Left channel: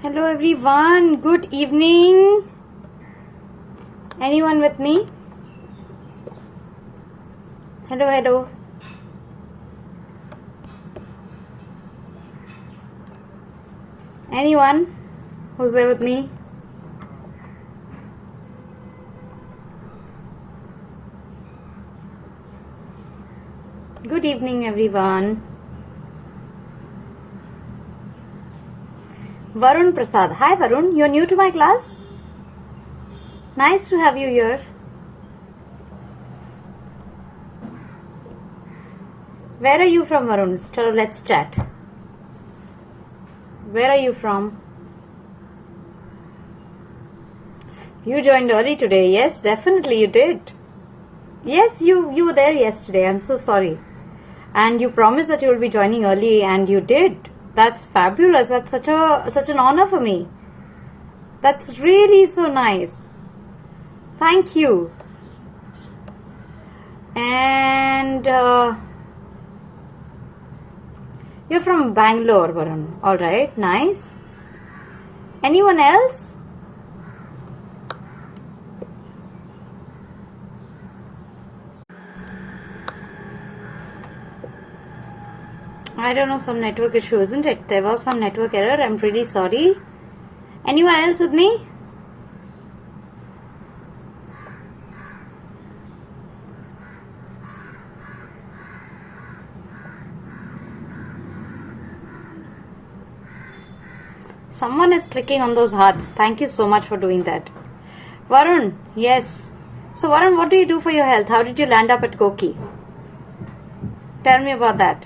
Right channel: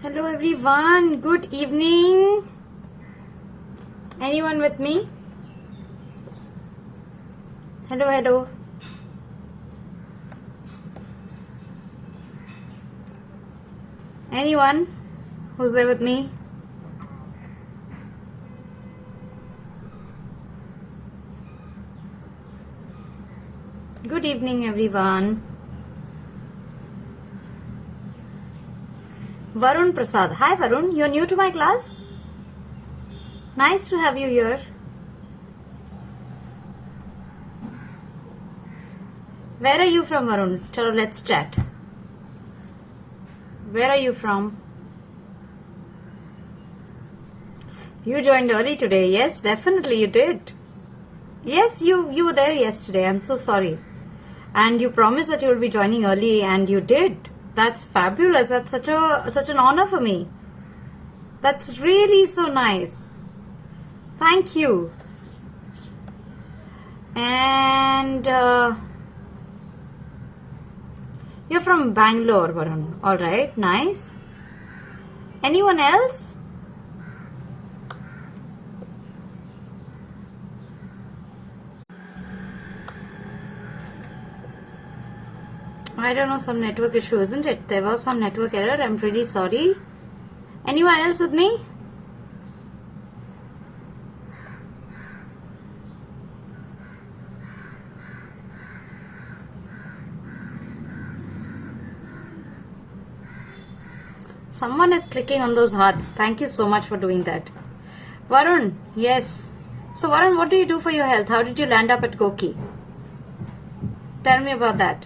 Hello everyone, good evening. Anyone with me? Hello. Anyone who's there with me? Good evening everyone. Varun Prasad. Hi Varun, you're new to my class? Nice to have you here. Where are you from Varun? Chalo, let's chat. Where are you from? You joined early today. Yes, definitely you did. Yes, you were there yesterday. I'm so sorry. And you promised that you will be joining early and you did. That's fabulous. That's such an honor for me. That's really so nice. Thank you. And you're from Bangalore, Varun. All right, nice. Anyone else? I don't know, some network issue, isn't it? There was some network error. I'm really sorry. Anyone else with me? Someone is clicking on those hearts. Thank you so much for doing that. Varun, yes. So Varun, what do you do for your health? How did you land up at Koki? Tell me about that.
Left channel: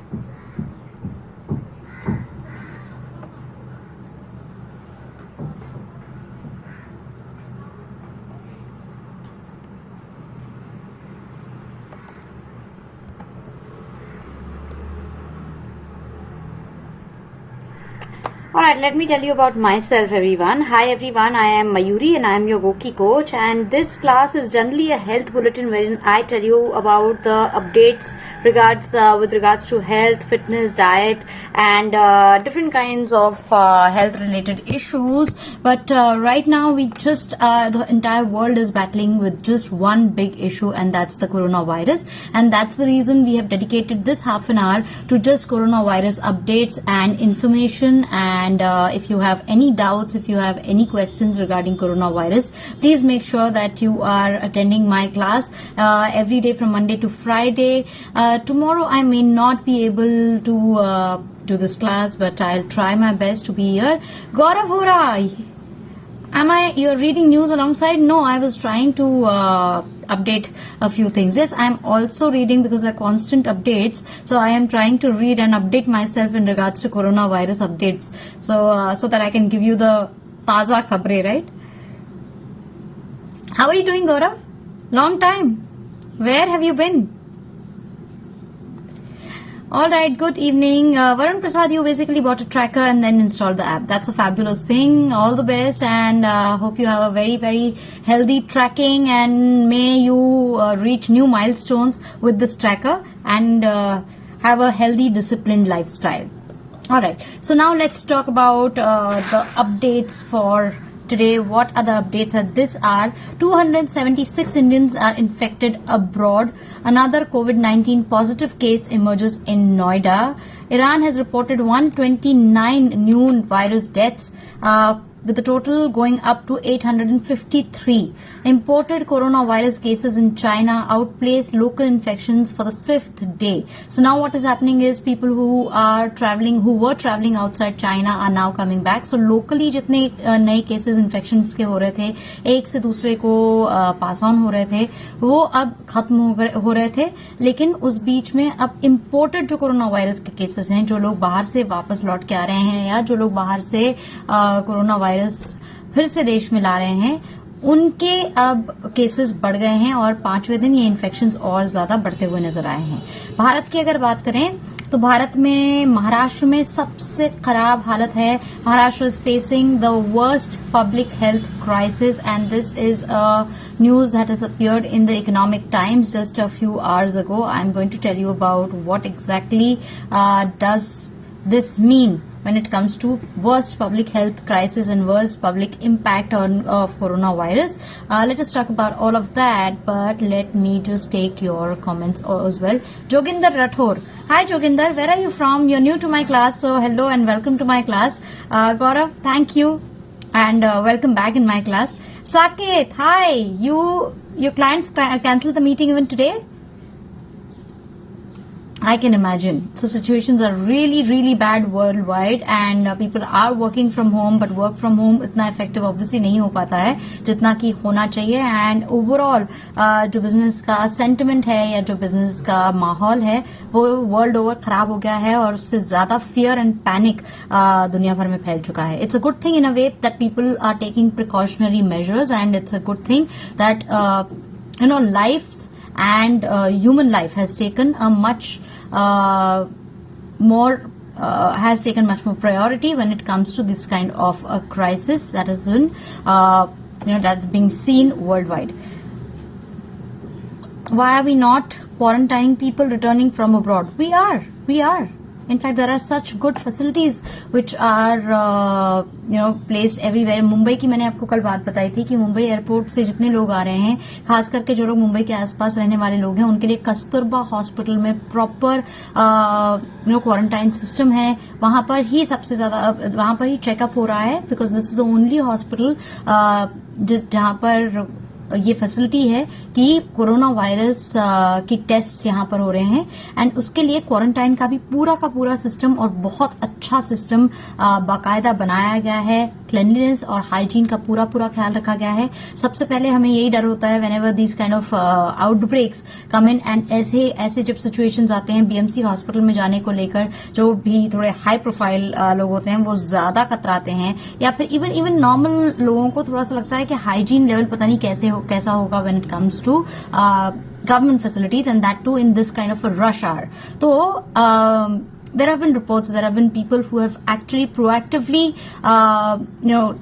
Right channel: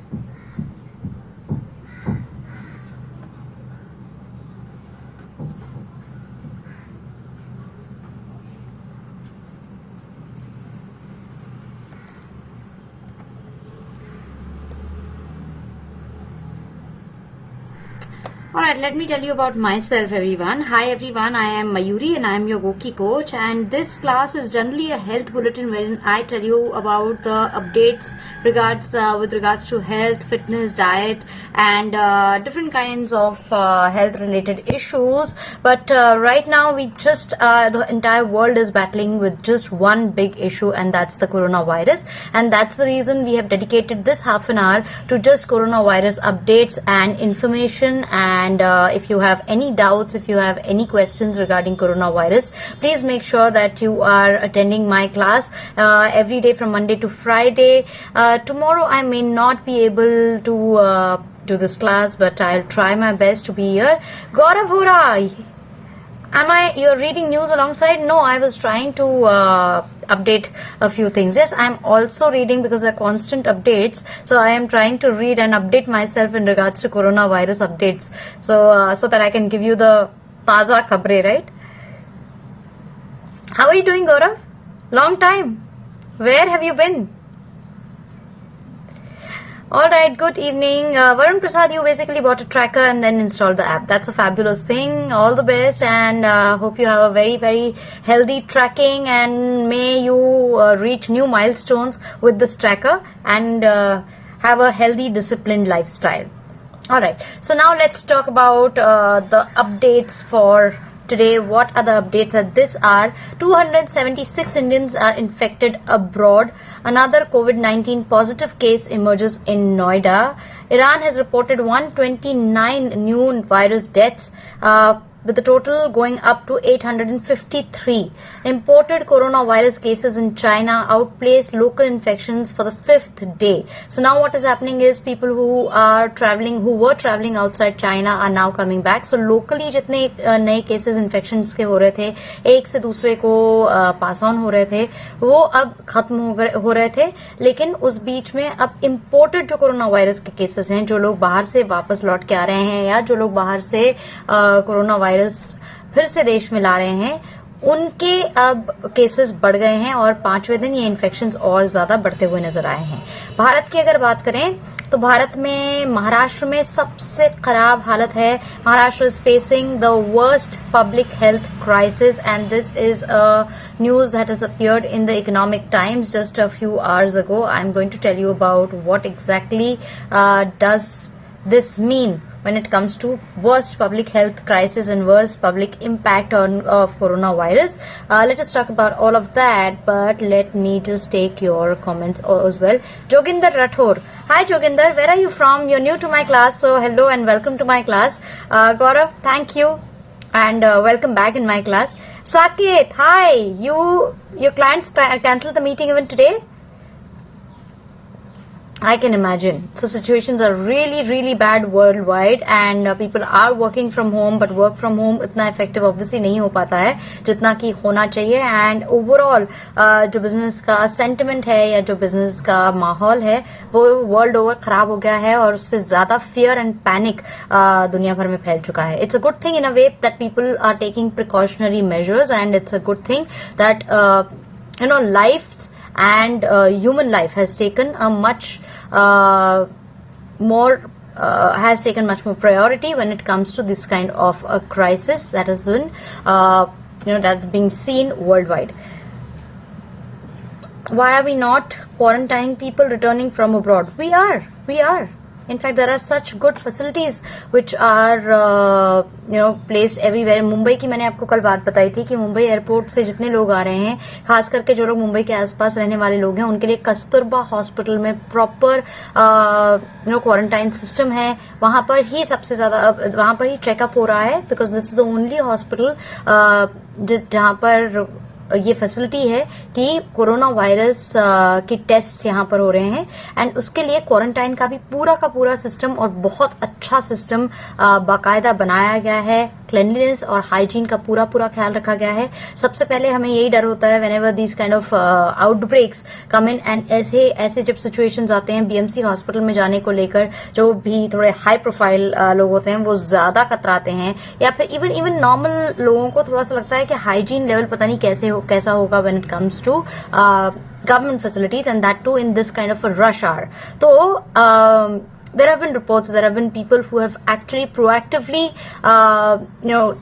Alright, let me tell you about myself everyone. Hi everyone, I am Mayuri and I am your Goki coach, and this class is generally a health bulletin wherein I tell you about the updates with regards to health, fitness, diet and different kinds of health related issues. But right now the entire world is battling with just one big issue, and that's the coronavirus, and that's the reason we have dedicated this half an hour to just coronavirus updates and information. And if you have any doubts, if you have any questions regarding coronavirus, please make sure that you are attending my class every day from Monday to Friday. Tomorrow I may not be able to do this class, but I'll try my best to be here. Gaurav Hora, you're reading news alongside? No, I was trying to update a few things. Yes, I'm also reading because there are constant updates. So I am trying to read and update myself in regards to coronavirus updates. So that I can give you the taza khabre, right? How are you doing, Gaurav? Long time. Where have you been? Alright, good evening. Varun Prasad, you basically bought a tracker and then installed the app. That's a fabulous thing. All the best, and hope you have a very, very healthy tracking, and may you reach new milestones with this tracker and have a healthy, disciplined lifestyle. Alright, so now let's talk about the updates for today. What are the updates at this hour? 276 Indians are infected abroad. Another COVID-19 positive case emerges in Noida. Iran has reported 129 new virus deaths, with the total going up to 853. Imported coronavirus cases in China outplaced local infections for the 5th day. So now what is happening is people who were traveling outside China are now coming back. So locally जितने नए cases infections के हो रहे थे, एक से दूसरे को pass on हो रहे थे, वो अब खत्म हो रहे थे. लेकिन उस बीच में अब imported जो कोरोना वायरस के केसेस हैं, जो लोग बाहर से वापस लौट के आ रहे हैं या जो लोग बाहर से कोरोना वायरस फिर से देश में ला रहे हैं, उनके अब केसेस बढ़ गए हैं और 5वें दिन ये इन्फेक्शंस और ज्यादा बढ़ते हुए नजर आए हैं. भारत की अगर बात करें तो भारत में महाराष्ट्र में सबसे खराब हालत है. Maharashtra is facing the worst public health crisis, and this is a news that has appeared in the Economic Times just a few hours ago. I am going to tell you about what exactly does this mean when it comes to worst public health crisis and worst public impact of coronavirus. Let us talk about all of that, but let me just take your comments as well. Joginder Rathore. Hi Joginder, where are you from? You're new to my class, so hello and welcome to my class. Gaurav, thank you and welcome back in my class. Saket, hi. Your clients cancelled the meeting even today? I can imagine. So situations are really, really bad worldwide and people are working from home, but work from home इतना effective obviously नहीं हो पाता है जितना कि होना चाहिए. And overall जो business का sentiment है या जो business का माहौल है वो world over खराब हो गया है और उससे ज्यादा fear and panic दुनिया भर में फैल चुका है. It's a good thing in a way that people are taking precautionary measures, and it's a good thing that lives and human life has taken a much more priority when it comes to this kind of a crisis that has been that's being seen worldwide. Why are we not quarantining people returning from abroad? We are. In fact, there are such good facilities which are placed everywhere. Mumbai की मैंने आपको कल बात बताई थी कि Mumbai airport से जितने लोग आ रहे हैं, खास करके जो लोग मुंबई के आसपास रहने वाले लोग हैं, उनके लिए कस्तूरबा हॉस्पिटल में प्रॉपर क्वारंटाइन सिस्टम है. वहां पर ही सबसे ज्यादा वहां पर ही चेकअप हो रहा है, because this is the only hospital जहां पर ये फैसिलिटी है कि कोरोना वायरस की टेस्ट यहाँ पर हो रहे हैं. एंड उसके लिए क्वारंटाइन का भी पूरा सिस्टम और बहुत अच्छा सिस्टम बाकायदा बनाया गया है. क्लेanलीनेस और हाइजीन का पूरा ख्याल रखा गया है. सबसे पहले हमें यही डर होता है whenever these kind of outbreaks come in, and ऐसे जब सिचुएशंस आते हैं बीएमसी हॉस्पिटल में जाने को लेकर, जो भी थोड़े हाई प्रोफाइल लोग होते हैं वो ज्यादा कतराते हैं, या फिर इवन नॉर्मल लोगों को थोड़ा सा लगता है कि हाइजीन लेवल पता नहीं कैसा होगा when it comes to government facilities, and that too in this kind of a rush hour. So there have been reports, there have been people who have actually proactively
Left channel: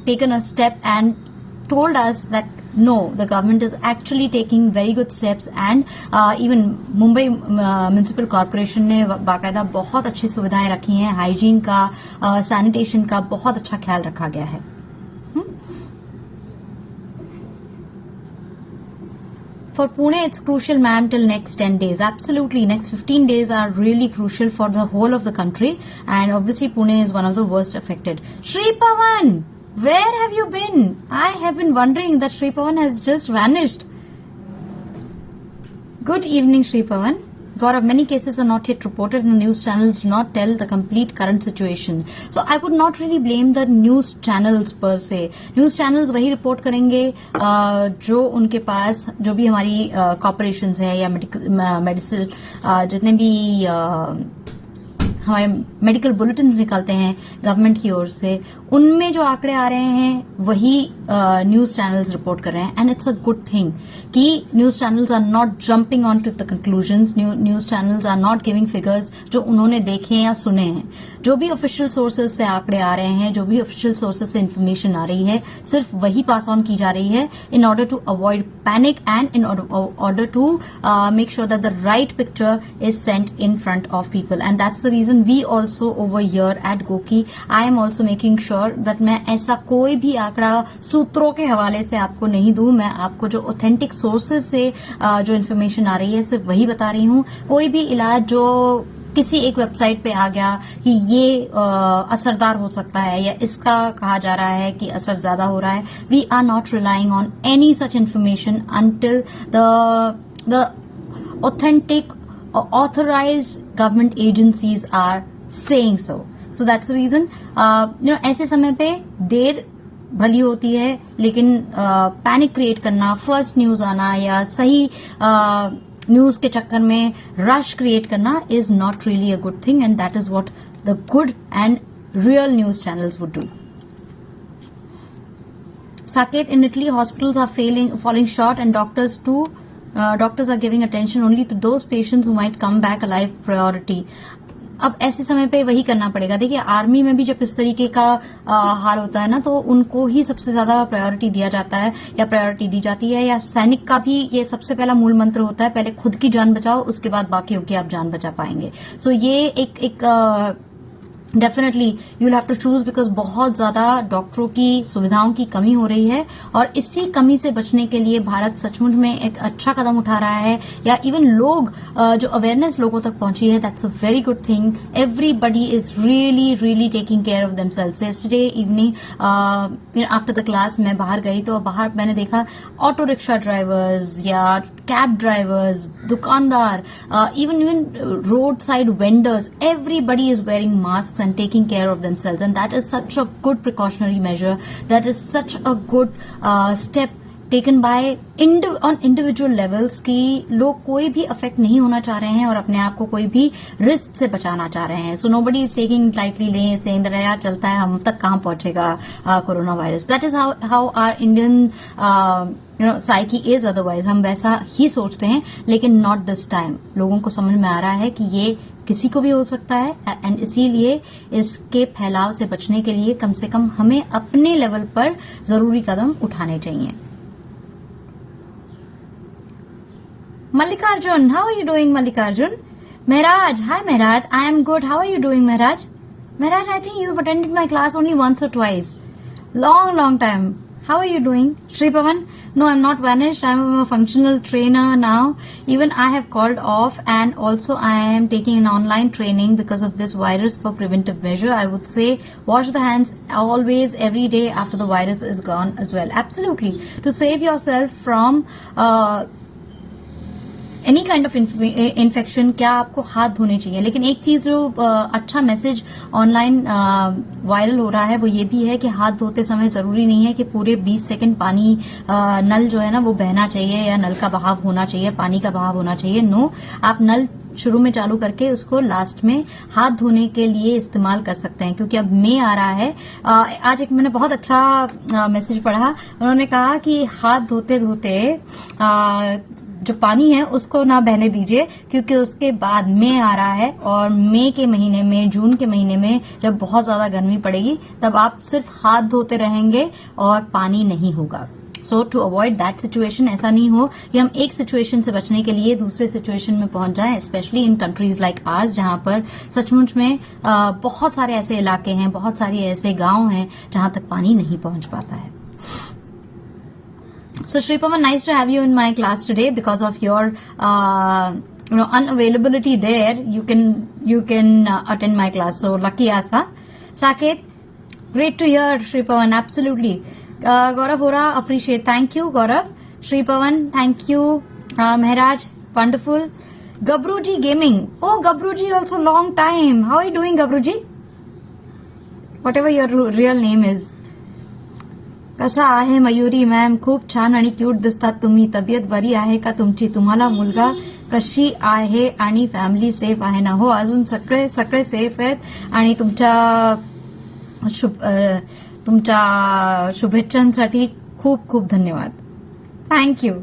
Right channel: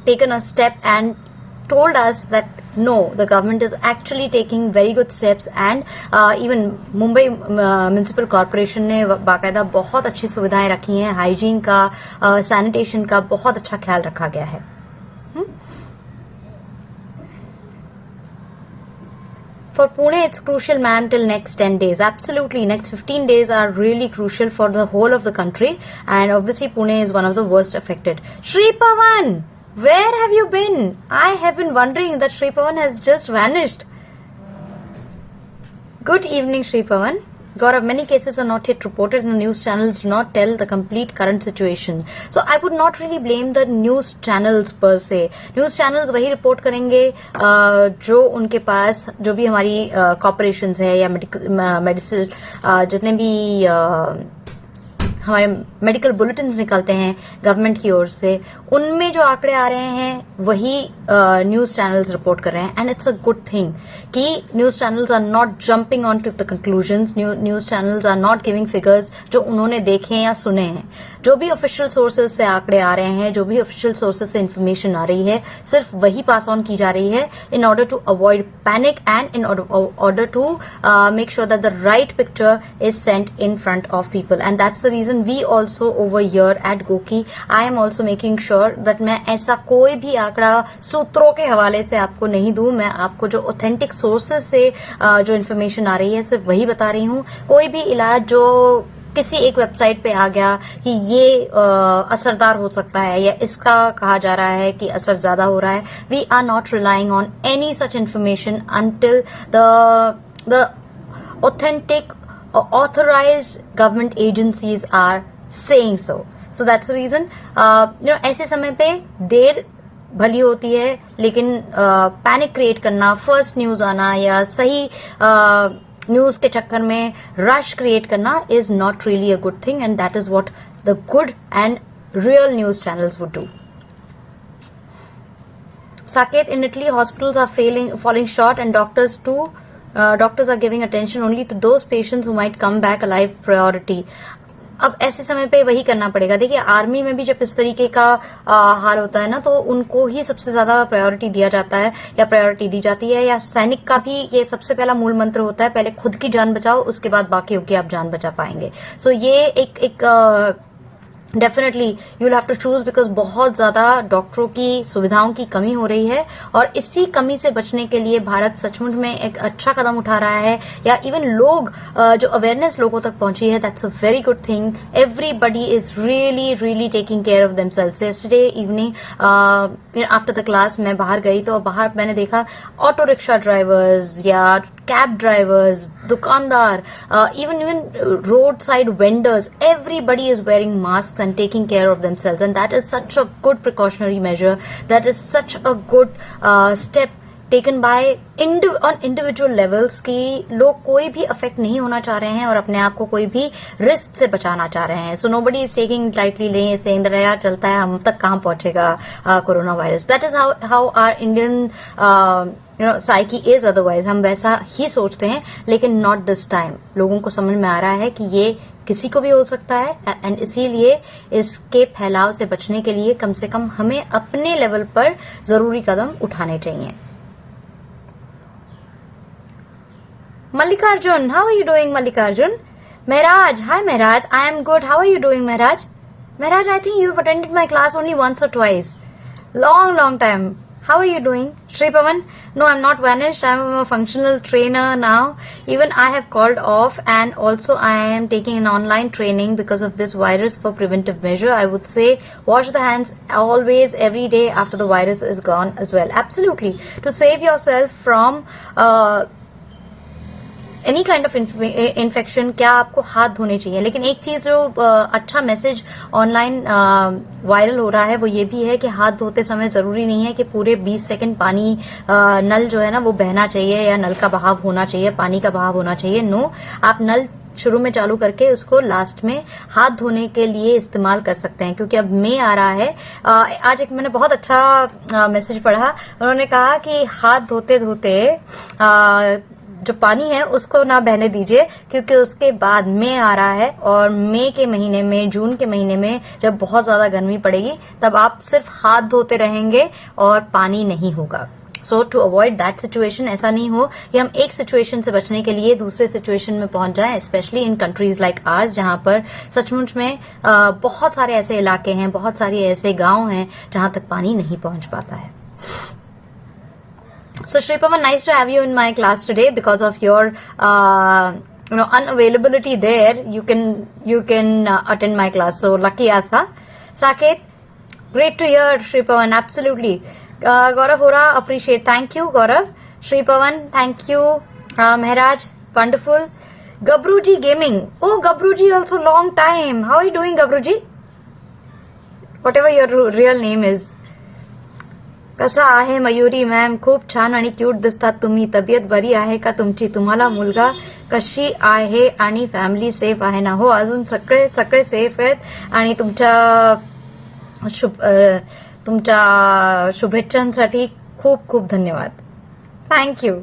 taken a step and told us that no, the government is actually taking very good steps, and even Mumbai Municipal Corporation ने बाकायदा बहुत अच्छी सुविधाएं रखी हैं. Hygiene का, sanitation का बहुत अच्छा ख्याल रखा गया है. For Pune, it's crucial, ma'am, till next 10 days. Absolutely. Next 15 days are really crucial for the whole of the country. And obviously, Pune is one of the worst affected. Shri Pawan, where have you been? I have been wondering that Shri Pawan has just vanished. Good evening, Shri Pawan. Gaurav, many cases are not yet reported and the news channels do not tell the complete current situation. So I would not really blame the news channels per se. News channels वही report करेंगे जो उनके पास, जो भी हमारी corporations है या medicine जितने भी हमारे मेडिकल बुलेटिन निकलते हैं गवर्नमेंट की ओर से, उनमें जो आंकड़े आ रहे हैं वही न्यूज चैनल्स रिपोर्ट कर रहे हैं. And it's a good thing कि news channels are not jumping on to the conclusions. News channels are not giving figures जो उन्होंने देखे या सुने हैं. जो भी ऑफिशियल सोर्सेज से आंकड़े आ रहे हैं, जो भी ऑफिशियल सोर्सेज से इन्फॉर्मेशन आ रही है, सिर्फ वही पास ऑन की जा रही है in order to avoid panic and in order to make sure that the right picture is sent in front of people. And that's the reason we also over here at गोकी, I am also making sure that मैं ऐसा कोई भी आंकड़ा सूत्रों के हवाले से आपको नहीं दूं. मैं आपको जो ऑथेंटिक सोर्सेज से जो इन्फॉर्मेशन आ रही है सिर्फ वही बता रही हूं. कोई भी इलाज जो किसी एक वेबसाइट पे आ गया कि ये असरदार हो सकता है या इसका कहा जा रहा है कि असर ज्यादा हो रहा है, we are not relying on any such information until the authentic authorized government agencies are saying so. So that's the reason ऐसे समय पे देर भली होती है, लेकिन पैनिक क्रिएट करना, फर्स्ट न्यूज आना या सही न्यूज के चक्कर में रश क्रिएट करना is not really a good thing, and that is what the good and real news channels would do. Saket, in Italy, hospitals are falling short, and doctors are giving attention only to those patients who might come back alive. Priority. अब ऐसे समय पे वही करना पड़ेगा. देखिए, army में भी जब इस तरीके का हाल होता है ना, तो उनको ही सबसे ज्यादा प्रायोरिटी दिया जाता है या प्रायोरिटी दी जाती है. या सैनिक का भी ये सबसे पहला मूल मंत्र होता है, पहले खुद की जान बचाओ, उसके बाद बाकी की आप जान बचा पाएंगे. सो ये एक definitely you will have to choose, because बहुत ज्यादा डॉक्टरों की सुविधाओं की कमी हो रही है और इसी कमी से बचने के लिए भारत सचमुच में एक अच्छा कदम उठा रहा है, या इवन लोग जो अवेयरनेस लोगों तक पहुंची है, that's a very good thing. Everybody is really really taking care of themselves. Yesterday evening after the class मैं बाहर गई तो बाहर मैंने देखा ऑटो रिक्शा ड्राइवर्स या cab drivers, dukandar, even roadside vendors, everybody is wearing masks and taking care of themselves, and that is such a good precautionary measure. That is such a good step taken by on individual levels कि लोग कोई भी affect नहीं होना चाह रहे हैं और अपने आप को कोई भी रिस्क से बचाना चाह रहे हैं. सो nobody is taking lightly saying that यार चलता है, हम तक कहाँ पहुंचेगा corona virus. That is how our Indian psyche is. Otherwise हम वैसा ही सोचते हैं, लेकिन नॉट दिस टाइम. लोगों को समझ में आ रहा है कि ये किसी को भी हो सकता है, एंड इसीलिए इसके फैलाव से बचने के लिए कम से कम हमें अपने लेवल पर जरूरी कदम उठाने चाहिए. Mallikarjun, how are you doing, Mallikarjun? Mehraj, hi Mehraj, I am good. How are you doing, Mehraj? Mehraj, I think you've attended my class only once or twice. Long time. How are you doing? Shri Pavan? No, I'm not vanished. I'm a functional trainer now. Even I have called off, and also I am taking an online training because of this virus for preventive measure. I would say wash the hands always, every day after the virus is gone as well. Absolutely. To save yourself from any kind of infection, क्या आपको हाथ धोने चाहिए. लेकिन एक चीज जो अच्छा मैसेज ऑनलाइन वायरल हो रहा है वो ये भी है कि हाथ धोते समय जरूरी नहीं है कि पूरे 20 सेकंड पानी नल जो है ना वो बहना चाहिए या नल का बहाव होना चाहिए, पानी का बहाव होना चाहिए. नो, आप नल शुरू में चालू करके उसको लास्ट में हाथ धोने के लिए इस्तेमाल कर सकते हैं, क्योंकि अब मई आ रहा है. आज एक मैंने बहुत अच्छा मैसेज पढ़ा. उन्होंने कहा कि हाथ धोते धोते जो पानी है उसको ना बहने दीजिए, क्योंकि उसके बाद मई आ रहा है और मई के महीने में, जून के महीने में जब बहुत ज्यादा गर्मी पड़ेगी तब आप सिर्फ हाथ धोते रहेंगे और पानी नहीं होगा. सो टू अवॉइड दैट सिचुएशन, ऐसा नहीं हो कि हम एक सिचुएशन से बचने के लिए दूसरे सिचुएशन में पहुंच जाएं, specially in countries like ours, जहां पर सचमुच में बहुत सारे ऐसे इलाके हैं, बहुत सारे ऐसे गांव हैं जहां तक पानी नहीं पहुंच पाता है. So Shri Pavan, nice to have you in my class today. Because of your unavailability there, you can attend my class. So lucky Asa. Saket, great to hear, Shri Pavan. Absolutely. Gaurav Hora, appreciate. Thank you, Gaurav. Shri Pavan, thank you. Mehraj, wonderful. Gabruji Gaming. Oh, Gabruji, also long time. How are you doing, Gabruji? Whatever your real name is. कसा आहे Mayuri ma'am? खूप छान आणि cute दिसतात तुम्ही. तब्येत बरी आहे का तुमची? तुम्हाला मुलगा कशी आहे आणि फॅमिली सेफ आहे ना? हो, अजून सगळे सेफ आहेत आणि तुमच्या शुभेच्छांसाठी खूप खूप धन्यवाद. Thank you.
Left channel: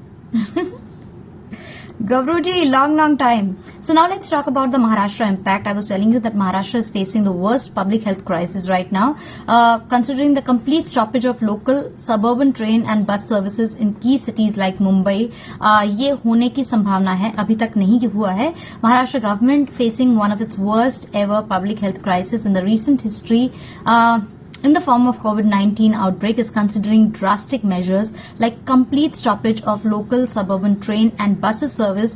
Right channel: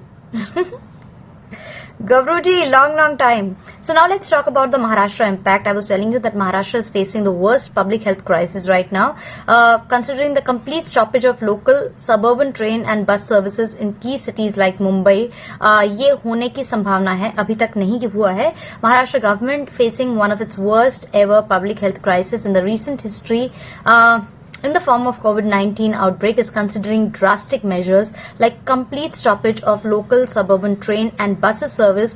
Gavruji, long time. So now let's talk about the Maharashtra impact. I was telling you that Maharashtra is facing the worst public health crisis right now, considering the complete stoppage of local suburban train and bus services in key cities like Mumbai. ये होने की संभावना है, अभी तक नहीं हुआ है. Maharashtra government facing one of its worst ever public health crisis in the recent history. In the form of COVID-19 outbreak, is considering drastic measures like complete stoppage of local suburban train and buses service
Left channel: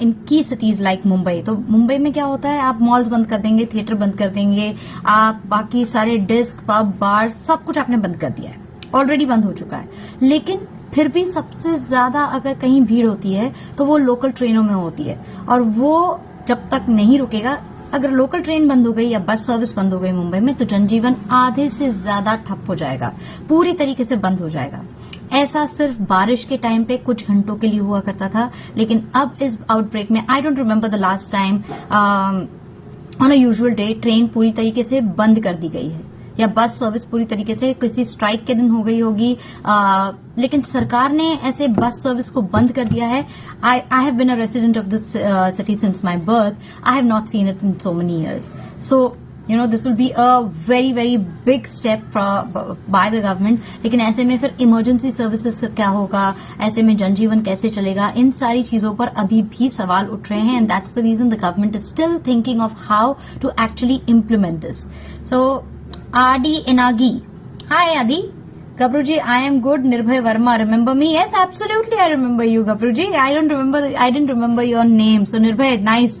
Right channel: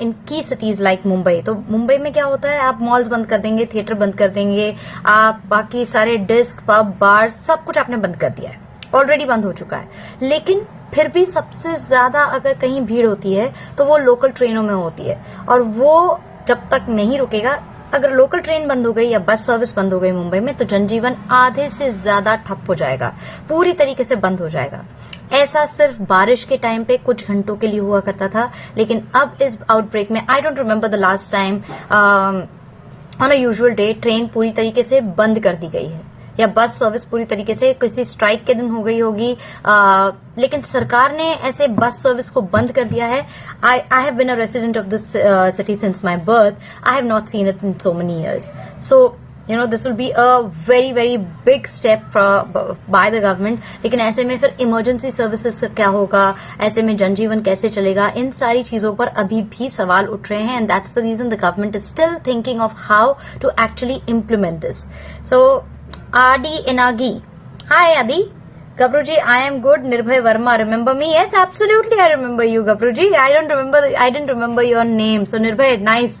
in key cities like Mumbai. तो मुंबई में क्या होता है, आप malls बंद कर देंगे, theatre बंद कर देंगे, आप बाकी सारे डिस्क, पब, बार सब कुछ आपने बंद कर दिया है, ऑलरेडी बंद हो चुका है. लेकिन फिर भी सबसे ज्यादा अगर कहीं भीड़ होती है तो वो लोकल ट्रेनों में होती है, और वो जब तक नहीं रुकेगा, अगर लोकल ट्रेन बंद हो गई या बस सर्विस बंद हो गई मुंबई में, तो जनजीवन आधे से ज्यादा ठप हो जाएगा, पूरी तरीके से बंद हो जाएगा. ऐसा सिर्फ बारिश के टाइम पे कुछ घंटों के लिए हुआ करता था, लेकिन अब इस आउटब्रेक में I don't remember the last time on a usual day train पूरी तरीके से बंद कर दी गई है, या बस सर्विस पूरी तरीके से किसी स्ट्राइक के दिन हो गई होगी. लेकिन सरकार ने ऐसे बस सर्विस को बंद कर दिया है. I have been a resident of this city since my birth. I have not seen it in so many years. So this will be a very very big step by the government. लेकिन ऐसे में फिर emergency services का क्या होगा, ऐसे में जनजीवन कैसे चलेगा, इन सारी चीजों पर अभी भी सवाल उठ रहे हैं. And that's the reason the government is still thinking of how to actually implement this. So आदि इनागी, हाय आदि. Gabruji, I am good. Nirbhay Verma, remember me? Yes, absolutely, I remember you, Gabruji. I didn't remember your name. So Nirbhay, nice,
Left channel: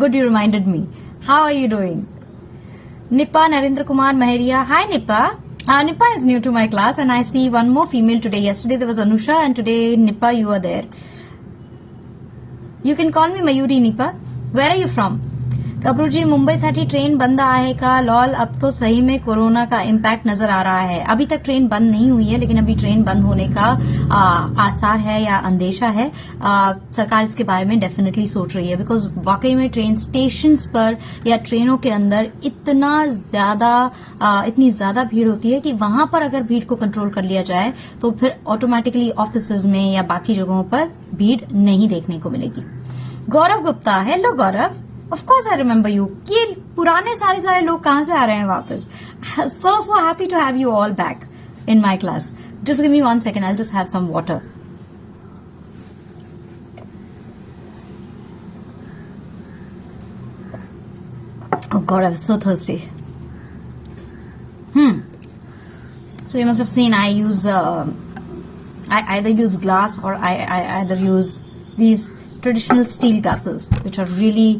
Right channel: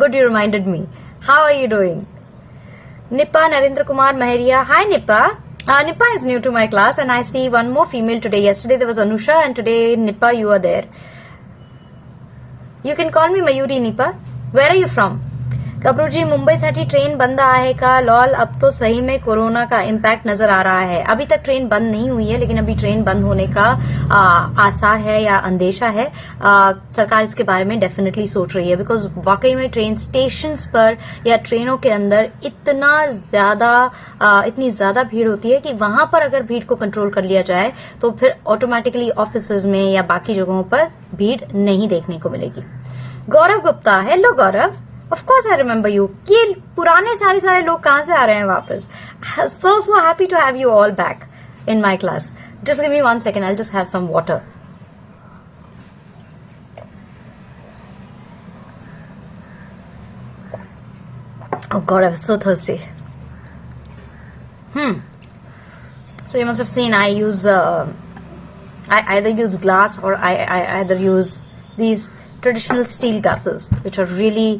good, you reminded me. How are you doing? Nippa Narendra Kumar Maharia. Hi, Nippa. Nippa is new to my class, and I see one more female today. Yesterday there was Anusha, and today Nippa, you are there. You can call me Mayuri, Nippa. Where are you from? गबरूजी, Mumbai साठी train बंद आहे का? Lol, अब तो सही में corona का impact नजर आ रहा है. अभी तक ट्रेन बंद नहीं हुई है, लेकिन अभी ट्रेन बंद होने का आसार है या अंदेशा है. सरकार इसके बारे में डेफिनेटली सोच रही है, बिकॉज वाकई में ट्रेन स्टेशन पर या ट्रेनों के अंदर इतनी ज्यादा भीड़ होती है कि वहां पर अगर भीड़ को कंट्रोल कर लिया जाए तो फिर ऑटोमेटिकली ऑफिस में या बाकी जगहों पर भीड़ नहीं देखने को मिलेगी. Gaurav Gupta, hello Gaurav. Of course I remember you. ये पुराने सारे लोग कहाँ से आ रहे हैं वापस? So happy to have you all back in my class. Just give me 1 second. I'll just have some water. Oh God, I was so thirsty. So you must have seen I use I either use glass or I either use these traditional steel glasses, which are really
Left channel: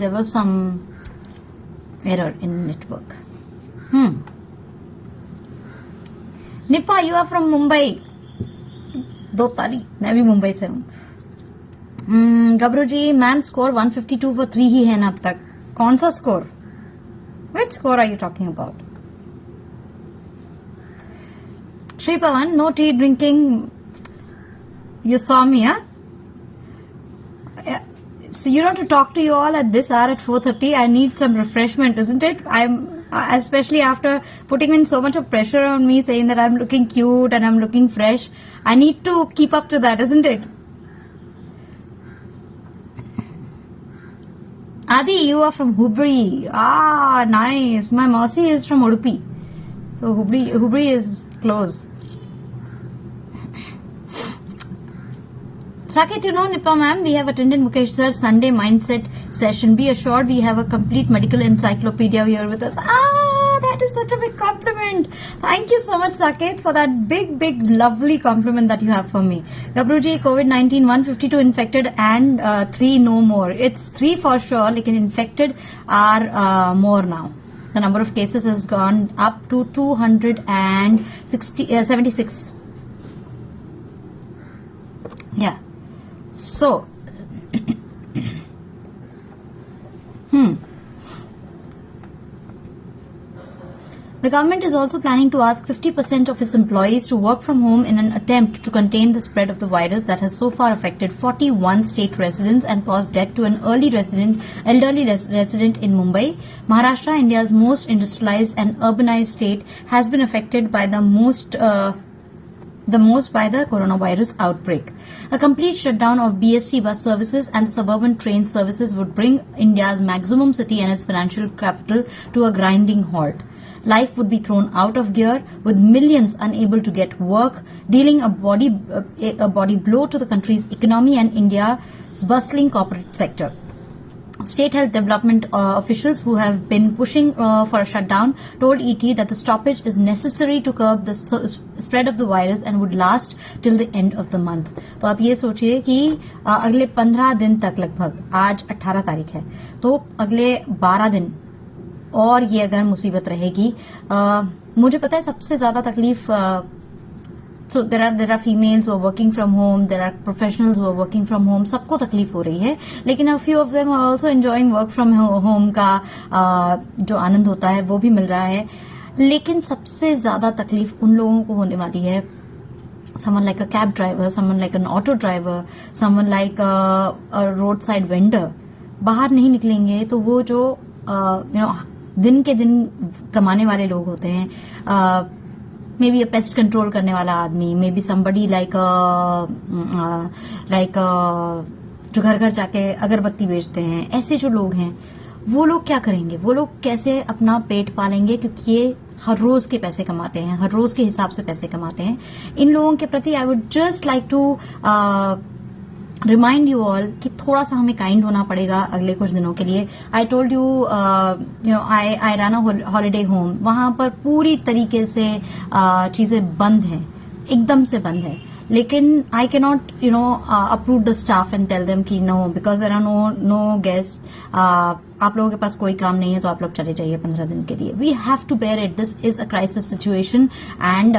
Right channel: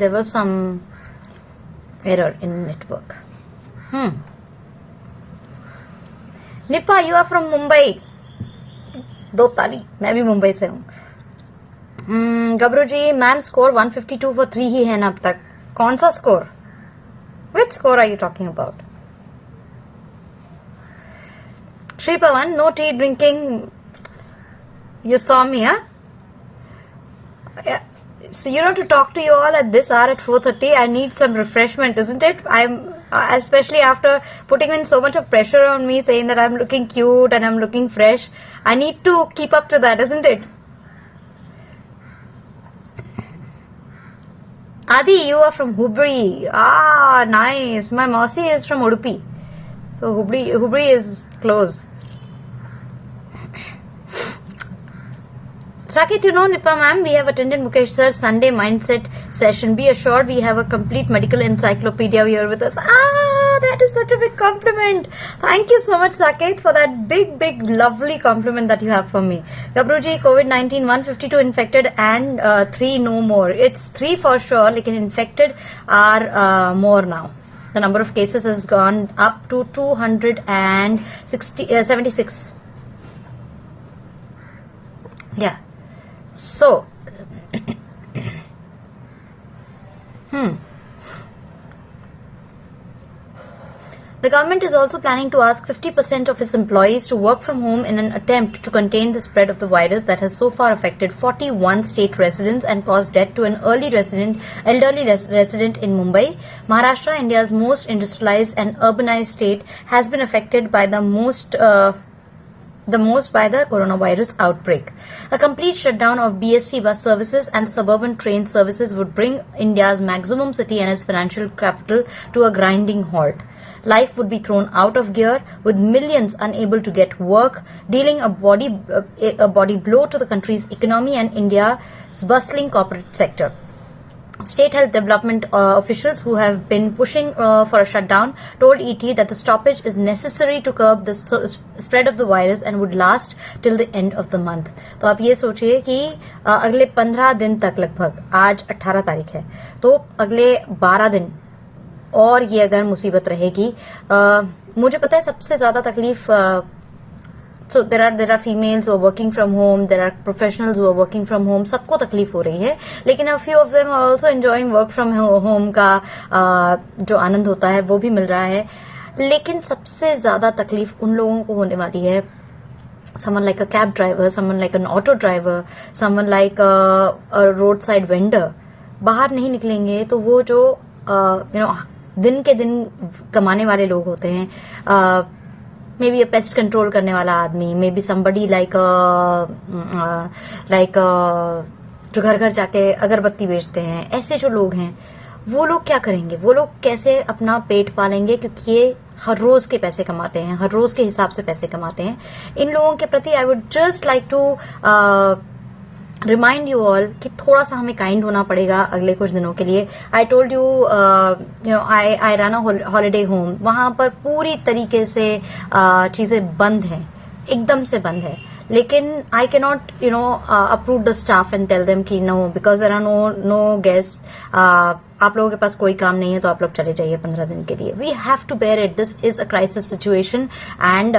there was some error in network. Nippa, you are from Mumbai. 2 तारीख, मैं भी मुंबई से हूँ. गबरू जी, ma'am score 152 for 3 ही है ना अब तक. कौन सा score? Which score are you talking about? Shri Pavan, no tea drinking. You saw me, huh? So you know, to talk to you all at this hour at 4:30, I need some refreshment, isn't it? I'm especially after putting in so much of pressure on me, saying that I'm looking cute and I'm looking fresh. I need to keep up to that, isn't it? Adi, you are from Hubli. Ah, nice. My Mausi is from Udupi, so Hubli is close. Saket, you know, Nippa ma'am, we have attended Mukesh sir's Sunday mindset session. Be assured we have a complete medical encyclopedia here with us. That is such a big compliment. Thank you so much, Saket, for that big, lovely compliment that you have for me. Gabruji, COVID-19, 152 infected and 3 no more. It's 3 for sure, like infected are more now. The number of cases has gone up to 276. Yeah. So, the government is also planning to ask 50% of its employees to work from home in an attempt to contain the spread of the virus that has so far affected 41 state residents and caused death to an elderly resident in Mumbai. Maharashtra, India's most industrialized and urbanized state, has been affected by the most by the coronavirus outbreak. A complete shutdown of BST bus services and suburban train services would bring India's maximum city and its financial capital to a grinding halt. Life would be thrown out of gear, with millions unable to get work, dealing a body blow to the country's economy and India's bustling corporate sector. State health development officials who have been pushing for a shutdown told ET that the stoppage is necessary to curb the spread of the virus and would last till the end of the month. तो आप ये सोचिए कि अगले 15 दिन तक, लगभग आज 18 तारीख है, तो अगले 12 दिन और ये अगर मुसीबत रहेगी. मुझे पता है सबसे ज्यादा तकलीफ So there are females who are working from home, there are professionals who are working from home, सबको तकलीफ हो रही है, लेकिन a few of them are also enjoying work from home का जो आनंद होता है वो भी मिल रहा है. लेकिन सबसे ज्यादा तकलीफ उन लोगों को होने वाली है, someone like a cab driver, someone like an auto driver, someone like a roadside vendor. बाहर नहीं निकलेंगे तो वो जो दिन के दिन कमाने वाले लोग होते हैं, मे बी पेस्ट कंट्रोल करने वाला आदमी, मे बी somebody like जो घर घर जाके अगरबत्ती बेचते हैं, ऐसे जो लोग हैं वो लोग क्या करेंगे, वो लोग कैसे अपना पेट पालेंगे, क्योंकि ये हर रोज के पैसे कमाते हैं, हर रोज के हिसाब से पैसे कमाते हैं। इन लोगों के प्रति I would just like to remind you all कि थोड़ा सा हमें काइंड होना पड़ेगा अगले कुछ दिनों के लिए। I told you you know I run a holiday home, वहां पर पूरी तरीके से चीजें बंद हैं, एकदम से बंद है, लेकिन I can not you know approve the staff and tell them कि no, because there are no guest, आप लोगों के पास कोई काम नहीं है तो आप लोग चले जाइए 15 दिन के लिए। We have to bear it, this is a crisis situation and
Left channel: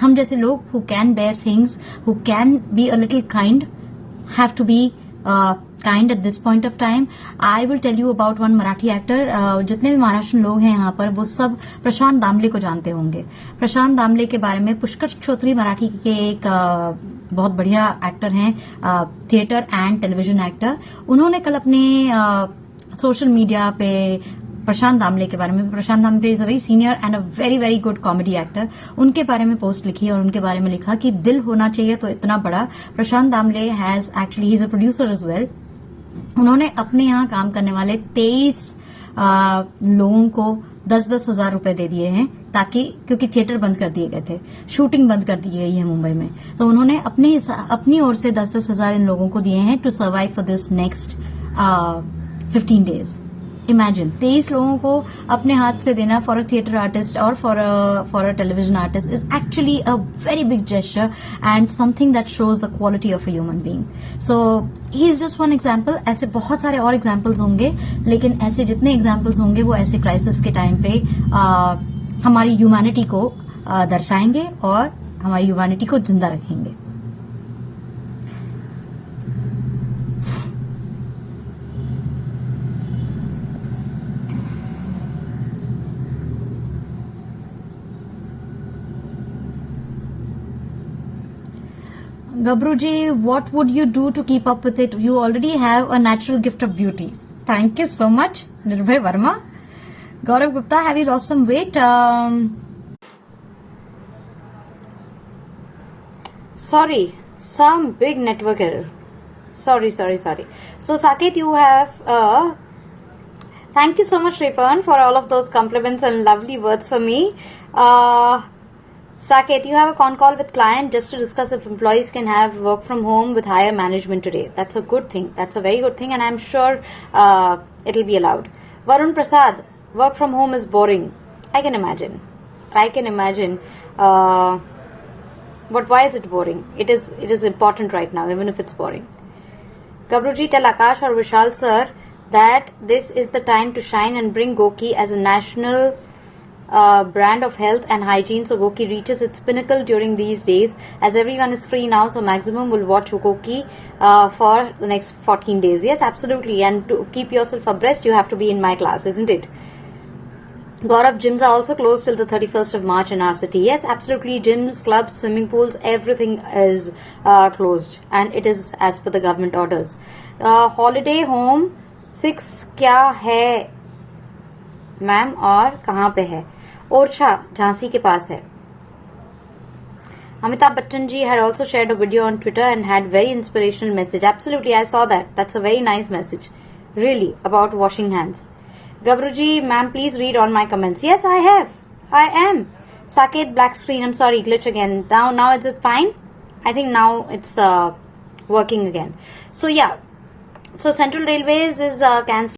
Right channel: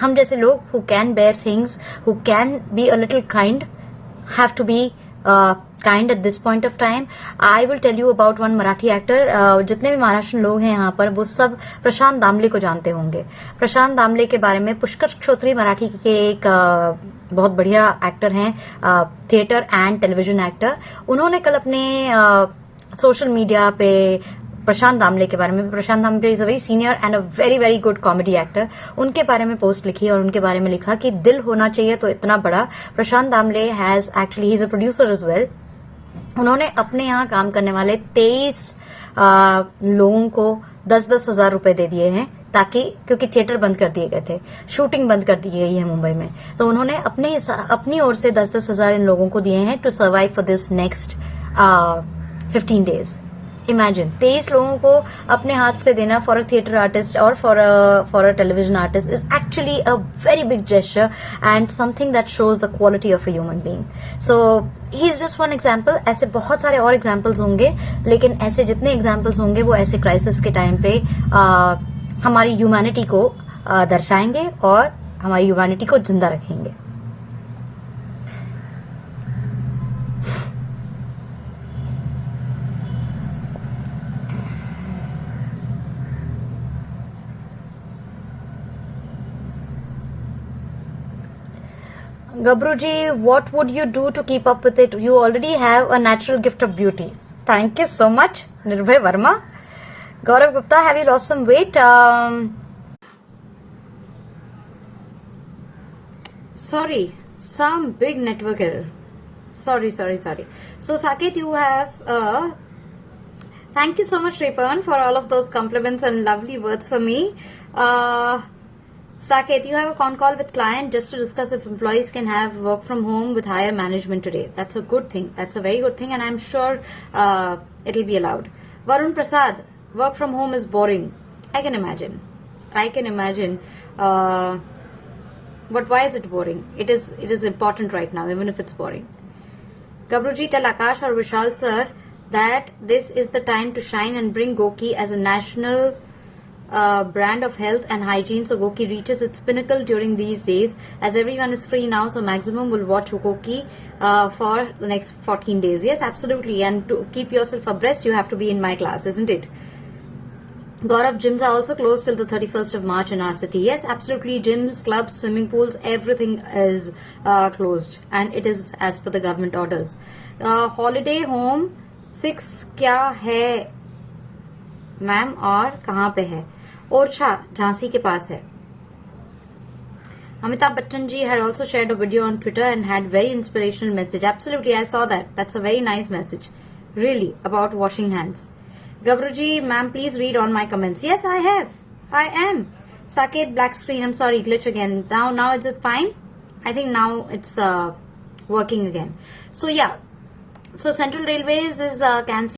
हम जैसे लोग who can bear things, who can be a little kind, have to be kind at this point of time. I will tell you about one Marathi actor. जितने भी महाराष्ट्र लोग हैं यहाँ पर वो सब प्रशांत दामले को जानते होंगे। प्रशांत दामले के बारे में पुष्कर श्रोत्री मराठी के एक बहुत बढ़िया एक्टर हैं, थिएटर एंड टेलीविजन एक्टर। उन्होंने कल अपने सोशल मीडिया पे प्रशांत दामले के बारे में, Prashant Damle is a very senior and a very very good comedy actor, उनके बारे में पोस्ट लिखी और उनके बारे में लिखा कि दिल होना चाहिए तो इतना बड़ा। Prashant Damle has actually, he is a producer as well. उन्होंने अपने यहाँ काम करने वाले 23 लोगों को 10-10 हजार रुपए दे दिए हैं, ताकि, क्योंकि थिएटर बंद कर दिए गए थे, शूटिंग बंद कर दी गई है मुंबई में, तो उन्होंने अपनी ओर से 10-10 हजार इन लोगों को दिए हैं to survive for this next 15 days. Imagine 23 लोगों को अपने हाथ से देना फॉर अ थिएटर आर्टिस्ट और for a television artist is actually a very big gesture and something that shows the quality of a human being. So he is just one example, ऐसे बहुत सारे और एग्जाम्पल्स होंगे, लेकिन ऐसे जितने examples होंगे वो ऐसे क्राइसिस के टाइम पे हमारी ह्यूमैनिटी को दर्शाएंगे और हमारी ह्यूमैनिटी को जिंदा रखेंगे। Gabruji, what would you do to keep up with it? You already have a natural gift of beauty. Thank you so much, Nirbhay Verma. Gaurav Gupta, have you lost some weight? Sorry, some big network error. Sorry. So, Saket, you have... thank you so much, Ripan, for all of those compliments and lovely words for me. Saket, you have a con call with client just to discuss if employees can have work from home with higher management today. That's a good thing. That's a very good thing, and I'm sure it'll be allowed. Varun Prasad, work from home is boring. I can imagine. But why is it boring? It is important right now, even if it's boring. Gabruji, tell Akash or Vishal sir that this is the time to shine and bring Goki as a national brand of health and hygiene, so Goki reaches its pinnacle during these days, as everyone is free now, so maximum will watch Goki for the next 14 days. Yes, absolutely, and to keep yourself abreast, you have to be in my class, isn't it? Gaurav, gyms are also closed till the 31st of March in our city. Yes, absolutely, gyms, clubs, swimming pools, everything is closed, and it is as per the government orders. Holiday home 6 क्या है ma'am और कहाँ पे है? ओरछा, झांसी के पास है। Amitabh Bachchan ji had also shared a video on Twitter and had very inspirational message. Absolutely, I saw that. That's a very nice message. Really, about washing hands. Gabruji, ma'am, please read all my comments. Yes, I have. I am. Saket, black screen. I'm sorry, glitch again. Now is it fine? I think now it's working again. So yeah. So Central Railways is cancelling.